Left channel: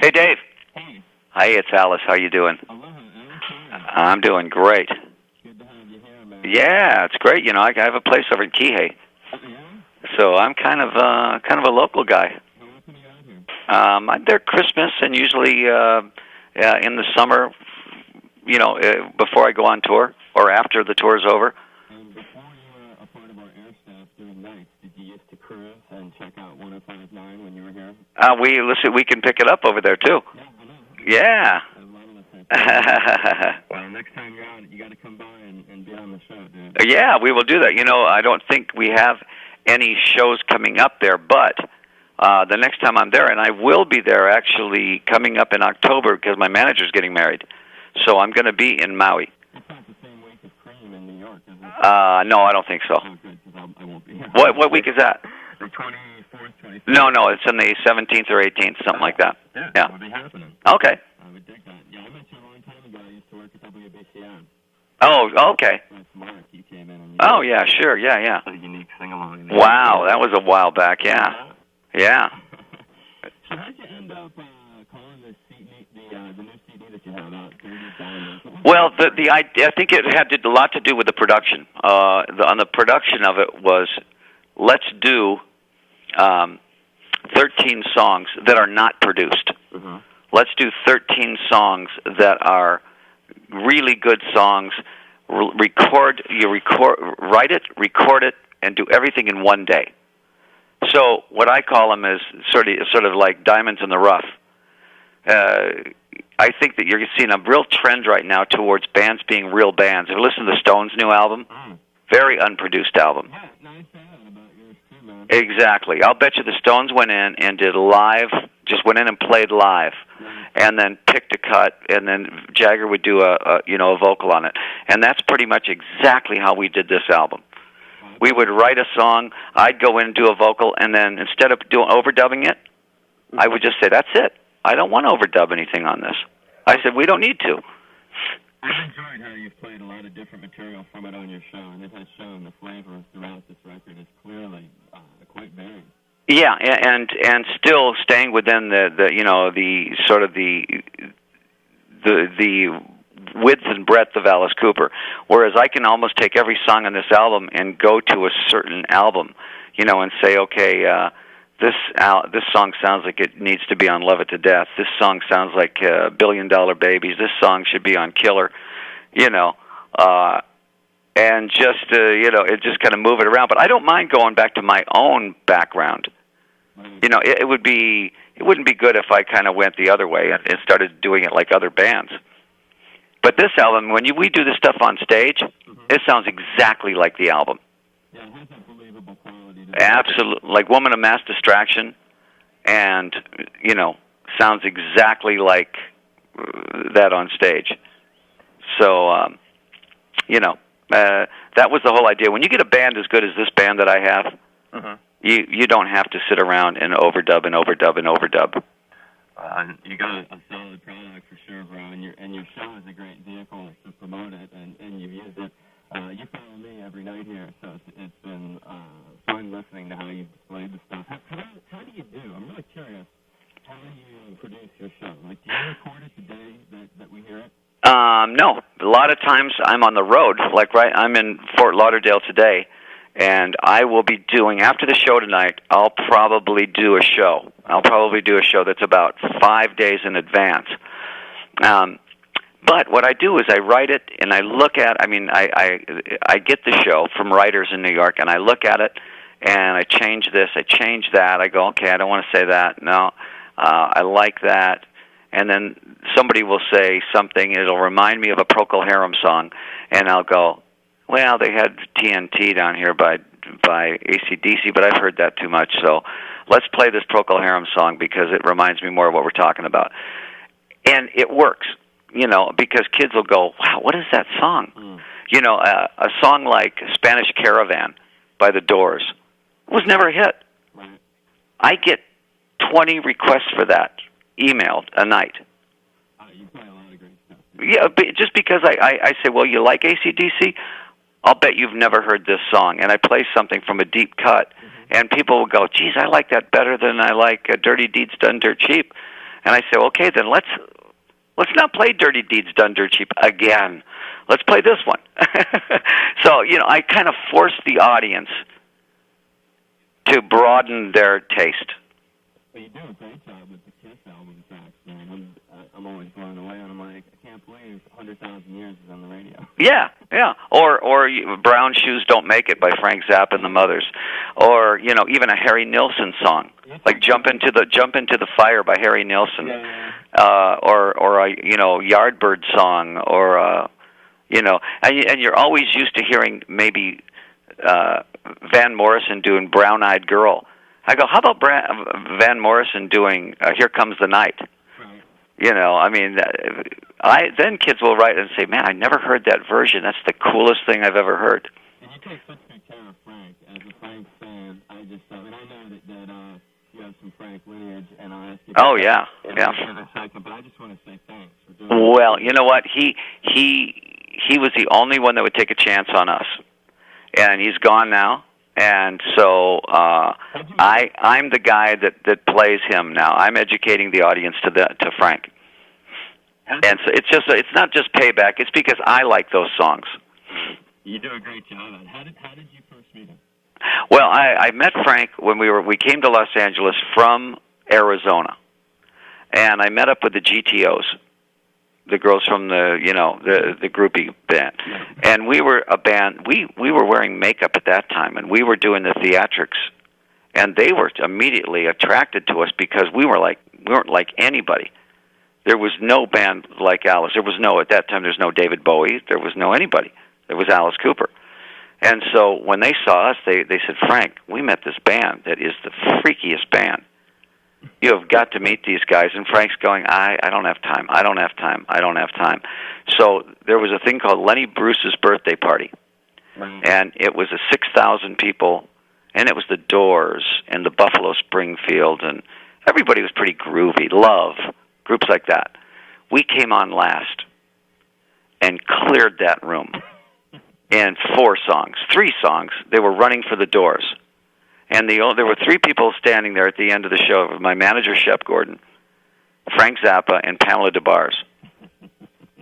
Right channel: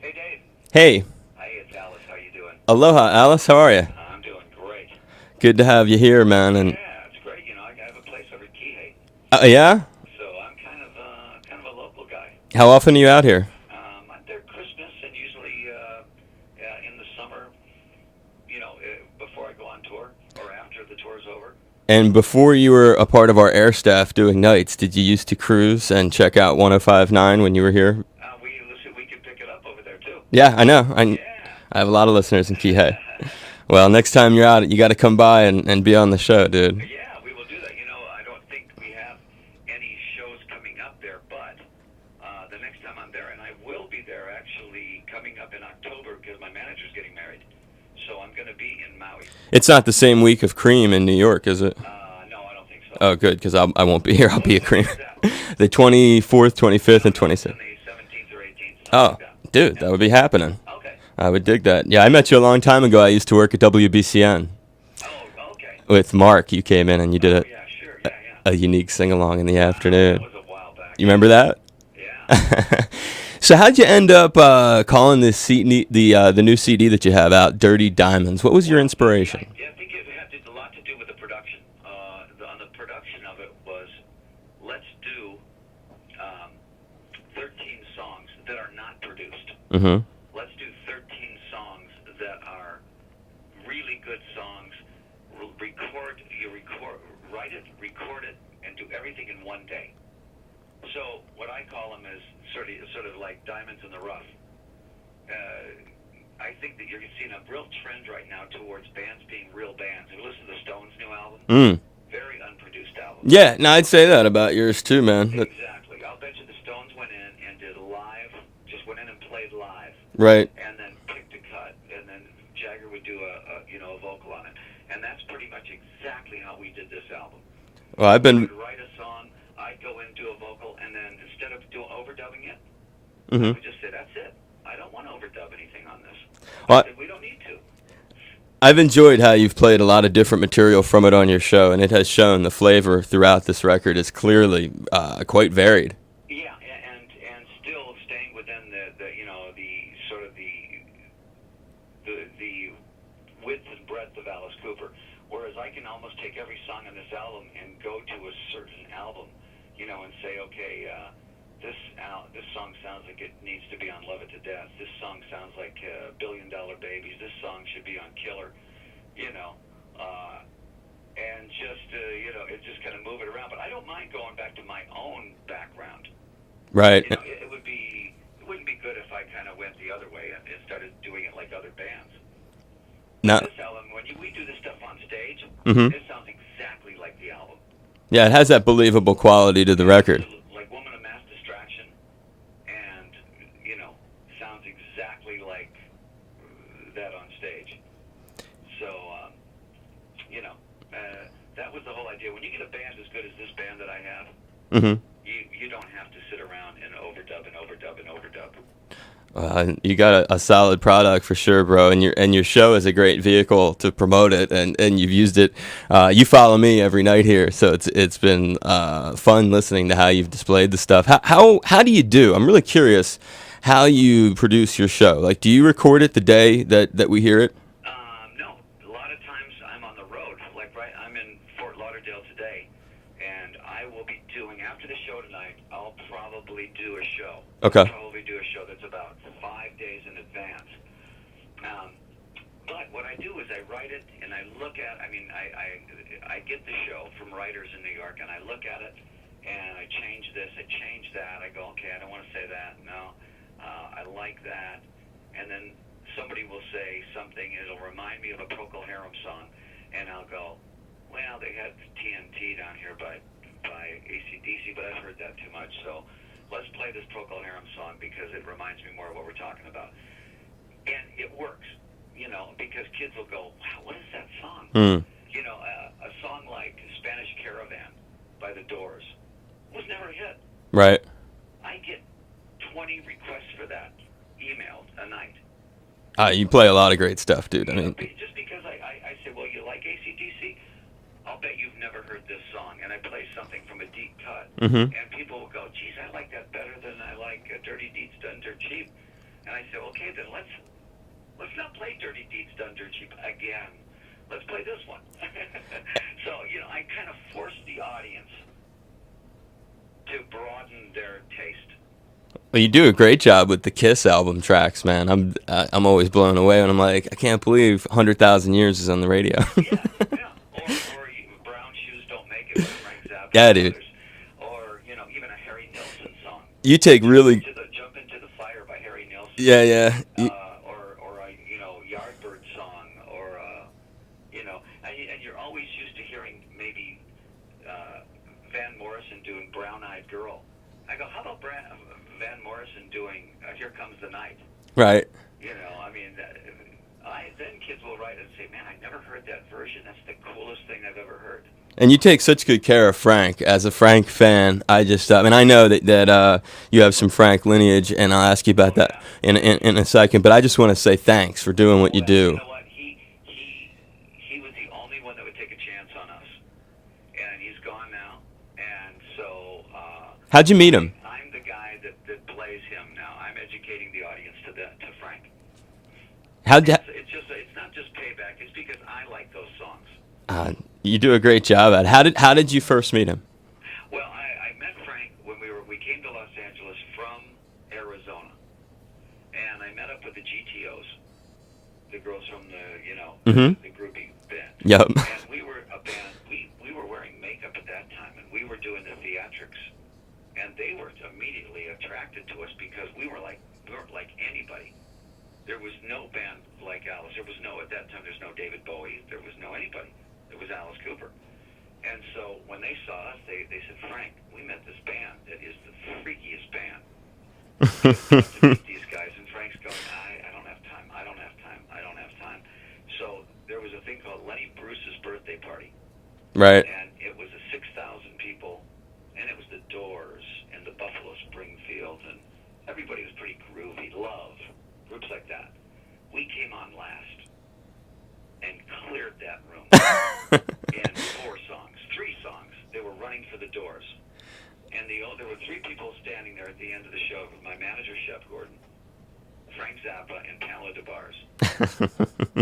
Hey, Dave. Hey, Hi, it's Alice. How you doing? aloha, Alice. How are you? I'm doing great. Good to have you here, man. Yeah, it's great. You know, I have a place over in Kihei, Yeah. so I'm kind of a local guy. How often are you out here? I'm there Christmas and usually in the summer. Before I go on tour or after the tour's over. And before you were a part of our air staff doing nights, did you used to cruise and check out 105.9 when you were here? We can pick it up over there too. Yeah, I know. Yeah. I have a lot of listeners in Kihei. Well, next time you're out, you got to come by and be on the show, dude. Yeah, we will do that. You know, I don't think we have any shows coming up there, but the next time I'm there, and I will be there actually coming up in October because my manager's getting married. So I'm going to be in Maui. It's not the same week of Cream in New York, is it? No, I don't think so. Oh, good, because I won't be here. What week is that? The 24th, 25th, No, it's on the 17th or 18th, something like that. Dude, yeah. That would be happening. Okay. I would dig that. Yeah, I met you a long time ago. I used to work at WBCN. Oh, okay. With Mark, you came in and you did yeah, sure, yeah. a unique sing-along in the wow, afternoon. Wow, that was a while back, Remember that? Yeah. So how'd you end up calling this CD, the new CD that you have out, Dirty Diamonds? What was your inspiration? I think it had a lot to do with the production. On the production of it was, let's do 13 songs that are not produced. Mm-hmm. Let's do 13 songs that are really good songs. Write it, record it, and do everything in one day. So what I call them is sort of like diamonds in the rough. I think that you're seeing a real trend right now towards bands being real bands. Have you listened to the Stones' new album? Very unproduced album. Yeah, no, I'd say that about yours too, man. Exactly. I'll bet you the Stones went in and did live, just went in and played live. Right. And then picked a cut, and then Jagger would do a vocal on it. And that's pretty much exactly how we did this album. Well, we would write a song, I'd go in and do a vocal, and then instead of overdubbing it, I would just say, that's it. I don't want to overdub anything on this. I said, we don't need to. I've enjoyed how you've played a lot of different material from it on your show, and it has shown the flavor throughout this record is clearly quite varied. Yeah, and still staying within the sort of the width and breadth of Alice Cooper, whereas I can almost take every song on this album and go to a certain album, and say, okay, this song sounds like it needs to be on Love It to Death. This song sounds like $1 Billion Babies. This song should be on Killer, and just it just kind of move it around. But I don't mind going back to my own background. Right. It wouldn't be good if I kind of went the other way and started doing it like other bands. But this album, when we do this stuff on stage, it sounds exactly like the album. Yeah, it has that believable quality to the record. Absolutely. Like Woman of Mass Distraction, and, sounds exactly like that on stage. So, that was the whole idea. When you get a band as good as this band that I have, you don't have to sit around and overdub and overdub and overdub. You got a solid product for sure, bro, and your show is a great vehicle to promote it, and you've used it. You follow me every night here, so it's been fun listening to how you've displayed the stuff. How do you do? I'm really curious how you produce your show. Like, do you record it the day that we hear it? No, a lot of times I'm on the road. Like I'm in Fort Lauderdale today. And I will be doing, after the show tonight, I'll probably do a show. Okay. I'll probably do a show that's about 5 days in advance. But what I do is I write it, and I look at, I get the show from writers in New York, and I look at it, and I change this, I change that. I go, okay, I don't want to say that. No, I like that. And then somebody will say something, and it'll remind me of a Procol Harum song, and I'll go, well, they had TNT down here by AC/DC, but I've heard that too much. So let's play this Procol Harum song because it reminds me more of what we're talking about. And it works, because kids will go, wow, what is that song? A song like Spanish Caravan by The Doors was never a hit. Right. I get 20 requests for that emailed a night. You play a lot of great stuff, dude. Yeah, but just because I say, well, you like AC/DC? I'll bet you've never heard this song. And I play something from a deep cut, and people will go, geez, I like that better than I like Dirty Deeds Done Dirt Cheap. And I say, okay, then let's not play Dirty Deeds Done Dirt Cheap again. Let's play this one. So, I kind of forced the audience to broaden their taste. Well, you do a great job with the Kiss album tracks, man. I'm always blown away when I'm like, I can't believe 100,000 Years is on the radio. Yeah. Or Brown Shoes Don't Make It by Frank Zappa and others. Or, even a Harry Nilsson song. You take Jump into the Fire by Harry Nilsson. Yeah. Or a, Yardbird song, or and you're always used to hearing maybe Van Morrison doing Brown Eyed Girl. I go, how about Van Morrison doing Here Comes the Night? Right. Then kids will write and say, man, I never heard that version. That's the coolest thing I've ever heard. And you take such good care of Frank. As a Frank fan, I just, I know that you have some Frank lineage, and I'll ask you about that in a second. But I just want to say thanks for doing what you do. Well, you know what? He was the only one that would take a chance on us, and he's gone now. And so, how'd you meet him? I'm the guy that plays him now. I'm educating the audience to Frank. It's not just payback. It's because I like those songs. You do a great job at it. How did you first meet him? Well, I met Frank when we came to Los Angeles from Arizona, and I met up with the GTOs, the girls from the the groupie band. Yep. And we were a band. We were wearing makeup at that time, and we were doing the theatrics, and they were immediately attracted to us because we weren't like anybody. There was no band like Alice. At that time. There's no David Bowie. There was no anybody. There was Alice Cooper. And so when they saw us, they said, Frank, we met this band that is the freakiest band. You have got to meet these guys. And Frank's going, I don't have time. I don't have time. So there was a thing called Lenny Bruce's birthday party. Right. And it was a 6,000 people, and it was the Doors and the Buffalo Springfield, and everybody was pretty groovy. Love, groups like that. We came on last and cleared that room. And 3 songs. They were running for the Doors. And there were 3 people standing there at the end of the show. My manager, Shep Gordon, Frank Zappa, and Pamela DeBars.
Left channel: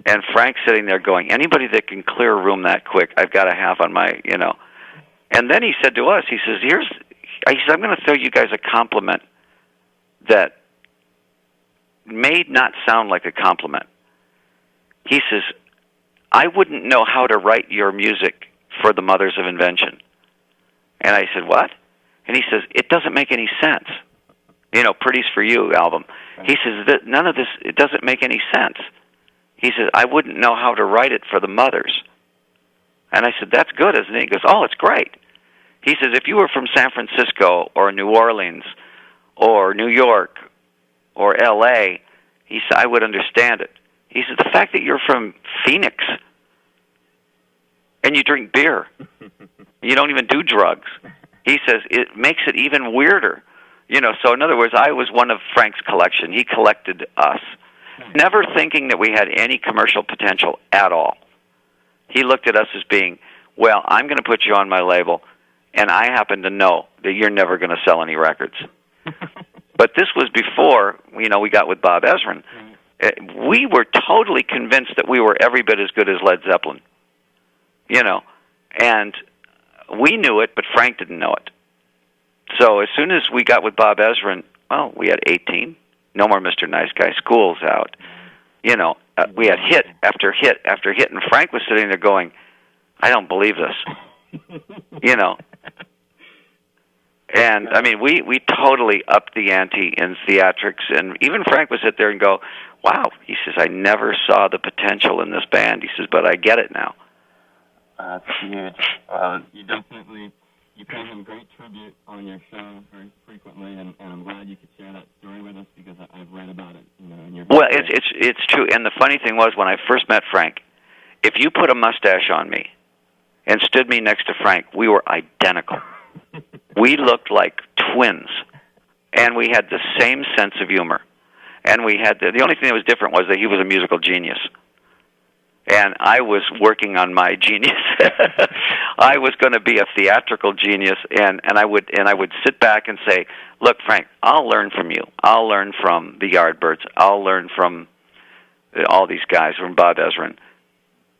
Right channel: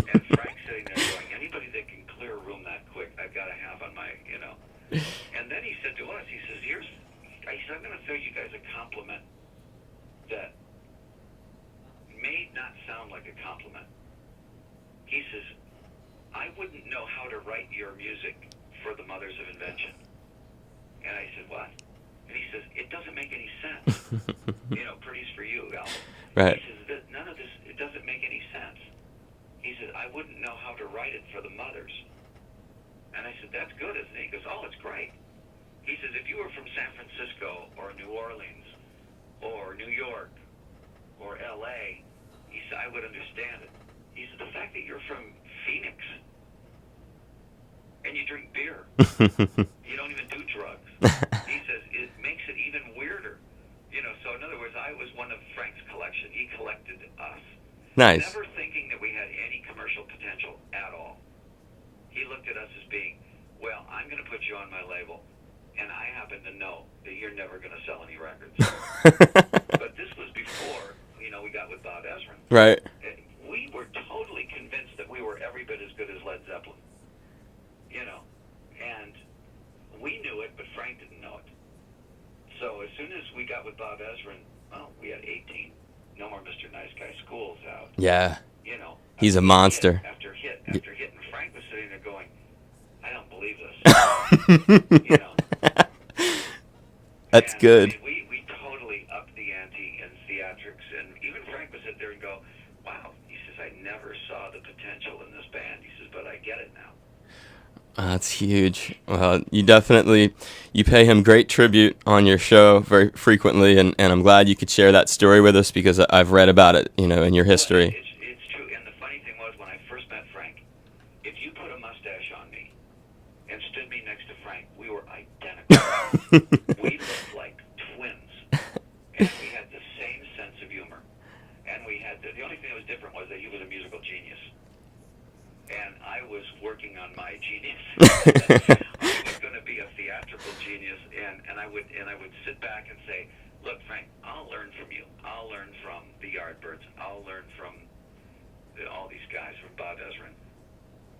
And Frank's sitting there going, anybody that can clear a room that quick, I've got to have on my, And then he said to us, he says, I'm going to throw you guys a compliment that may not sound like a compliment. He says, I wouldn't know how to write your music for the Mothers of Invention. And I said, what? And he says, it doesn't make any sense. Pretty's for You album. Right. He says, none of this, it doesn't make any sense. He says, I wouldn't know how to write it for the Mothers. And I said, that's good, isn't it? He goes, oh, it's great. He says, if you were from San Francisco or New Orleans or New York or L.A., he said, I would understand it. He said, the fact that you're from Phoenix and you drink beer, you don't even do drugs, he says, it makes it even weirder. So in other words, I was one of Frank's collection. He collected us. Nice. Never thinking that we had any commercial potential at all. He looked at us as being, well, I'm going to put you on my label, and I happen to know that you're never going to sell any records. But this was before, we got with Bob Ezrin. Right. We were totally convinced that we were every bit as good as Led Zeppelin. And we knew it, but Frank didn't know it. So as soon as we got with Bob Ezrin, we had 18. No More Mr. Nice Guy. School's out. Yeah. He's a monster. Hit after hit after hit, and Frank was sitting there going, I don't believe this. That's good. I mean, we totally upped the ante in theatrics, and even Frank would sit there and go, wow. He says, I never saw the potential in this band. He says, but I get it now. That's huge. Well, you pay him great tribute on your show very frequently, and I'm glad you could share that story with us because I've read about it, in your history. Well, it's true. And the funny thing was, when I first met Frank, if you put a mustache on me and stood me next to Frank, we were identical. We looked like twins, and we had the same sense of humor. And we had the only thing that was different was that he was a musical genius. And I was working on my genius. I was going to be a theatrical genius, and I would sit back and say, look, Frank, I'll learn from you. I'll learn from the Yardbirds. I'll learn from all these guys, from Bob Ezrin.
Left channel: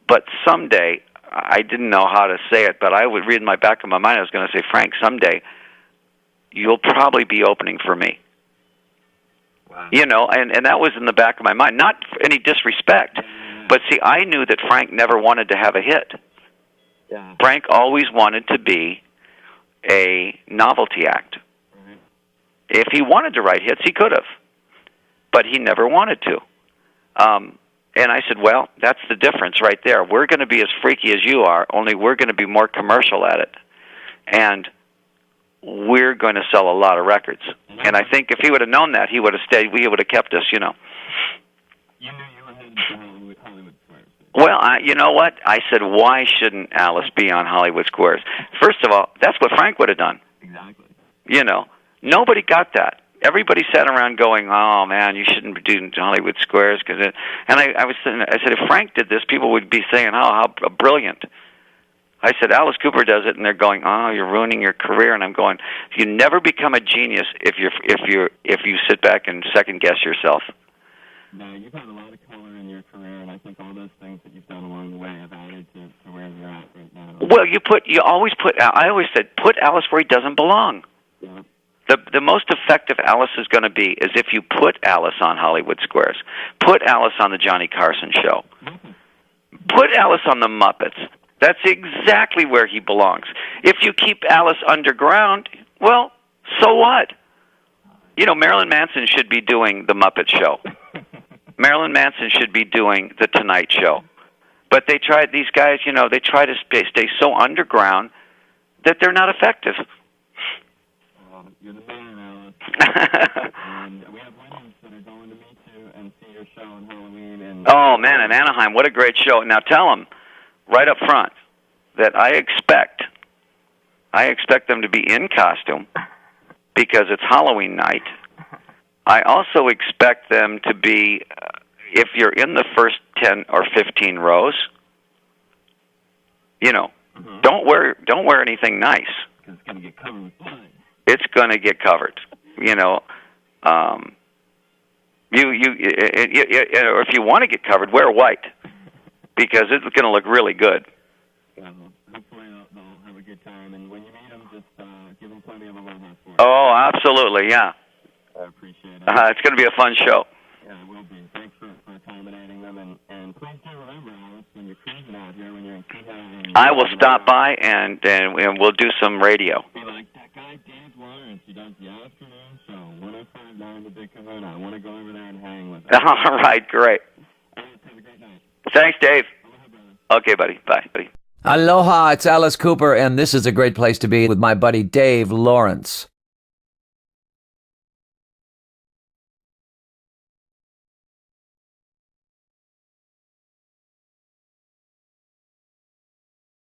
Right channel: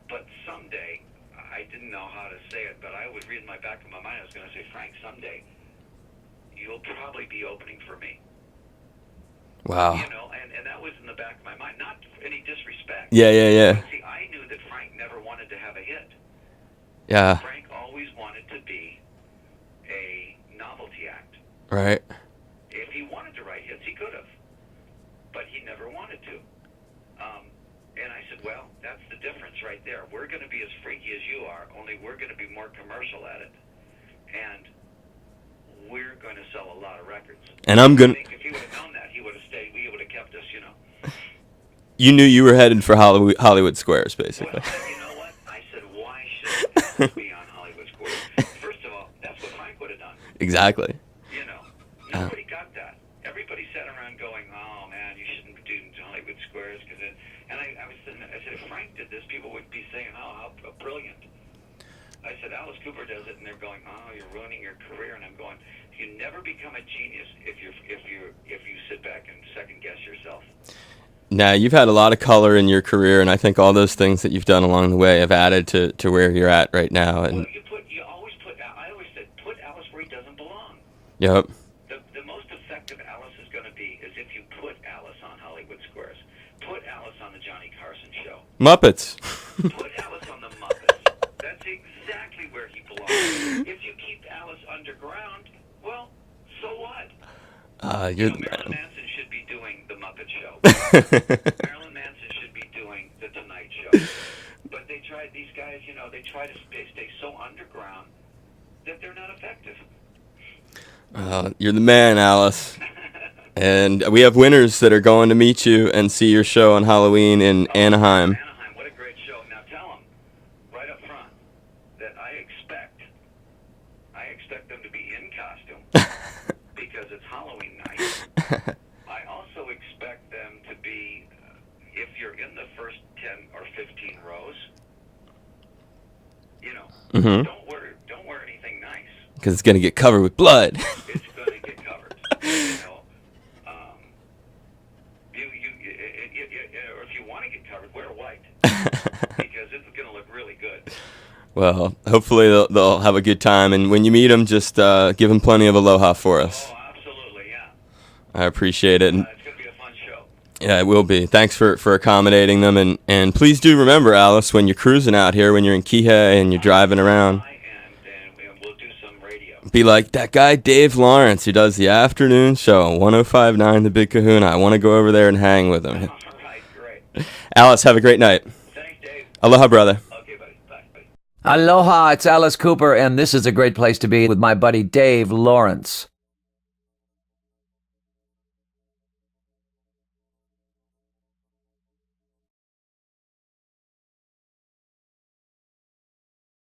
But someday, I didn't know how to say it, but I would read in my back of my mind, I was going to say, Frank, someday you'll probably be opening for me. Wow. You know, and that was in the back of my mind. Not any disrespect. Yeah. But see, I knew that Frank never wanted to have a hit. Yeah. Frank always wanted to be a novelty act. Right. If he wanted to write hits, he could have. But he never wanted to. And I said, well, that's the difference right there. We're going to be as freaky as you are, only we're going to be more commercial at it. And we're going to sell a lot of records. And I think if he would have known that, he would have stayed. He would have kept us, you know. You knew you were headed for Hollywood Squares, basically. Well, you know what? I said, why shouldn't Alice be on Hollywood Squares? First of all, that's what Frank would have done. Exactly. You know, nobody got that. Everybody sat around going, "Oh man, you shouldn't be doing Hollywood Squares," because I said, if Frank did this, people would be saying, "Oh, how brilliant." I said, Alice Cooper does it, and they're going, "Oh, you're ruining your career." And I'm going, "You never become a genius if you sit back and second guess yourself." Now, you've had a lot of color in your career, and I think all those things that you've done along the way have added to where you're at right now. Well, I always said, put Alice where he doesn't belong. Yep. The most effective Alice is going to be is if you put Alice on Hollywood Squares. Put Alice on the Johnny Carson show. Muppets. Put Alice on the Muppets. That's exactly where he belongs. If you keep Alice underground, well, so what? You know, Marilyn Manson should be doing the Muppet Show. Marilyn Manson should be doing the Tonight Show. But these guys, you know, they try to stay so underground that they're not effective. You're the man, Alice. And we have winners that are going to meet you and see your show on Halloween in Anaheim. Oh, man, in Anaheim. What a great show. Now tell them right up front that I expect them to be in costume because it's Halloween night. I also expect them to be, if you're in the first 10 or 15 rows, you know, don't wear anything nice. Because it's going to get covered with blood. It's going to get covered. You know, or if you want to get covered, wear white because it's going to look really good. Well, hopefully they'll have a good time, and when you meet them, just give them plenty of aloha for us. Oh, absolutely, yeah. I appreciate it. It's going to be a fun show. Yeah, it will be. Thanks for accommodating them, and please do remember, Alice, when you're cruising out here, when you're in Kihei and you're driving around. I will stop by and we'll do some radio. Be like that guy Dave Lawrence who does the afternoon show, 105.9 The Big Kahuna. I want to go over there and hang with him. All right, great. Alice, have a great night. Thanks, Dave. Aloha, brother. Okay, buddy. Bye, buddy. Aloha, it's Alice Cooper, and this is a great place to be with my buddy Dave Lawrence.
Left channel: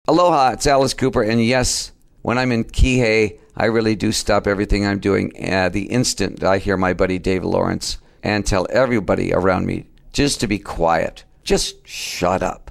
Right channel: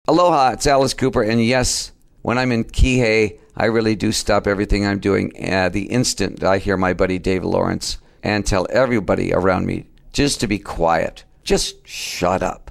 Aloha, it's Alice Cooper, and yes, when I'm in Kihei, I really do stop everything I'm doing the instant I hear my buddy Dave Lawrence and tell everybody around me just to be quiet. Just shut up.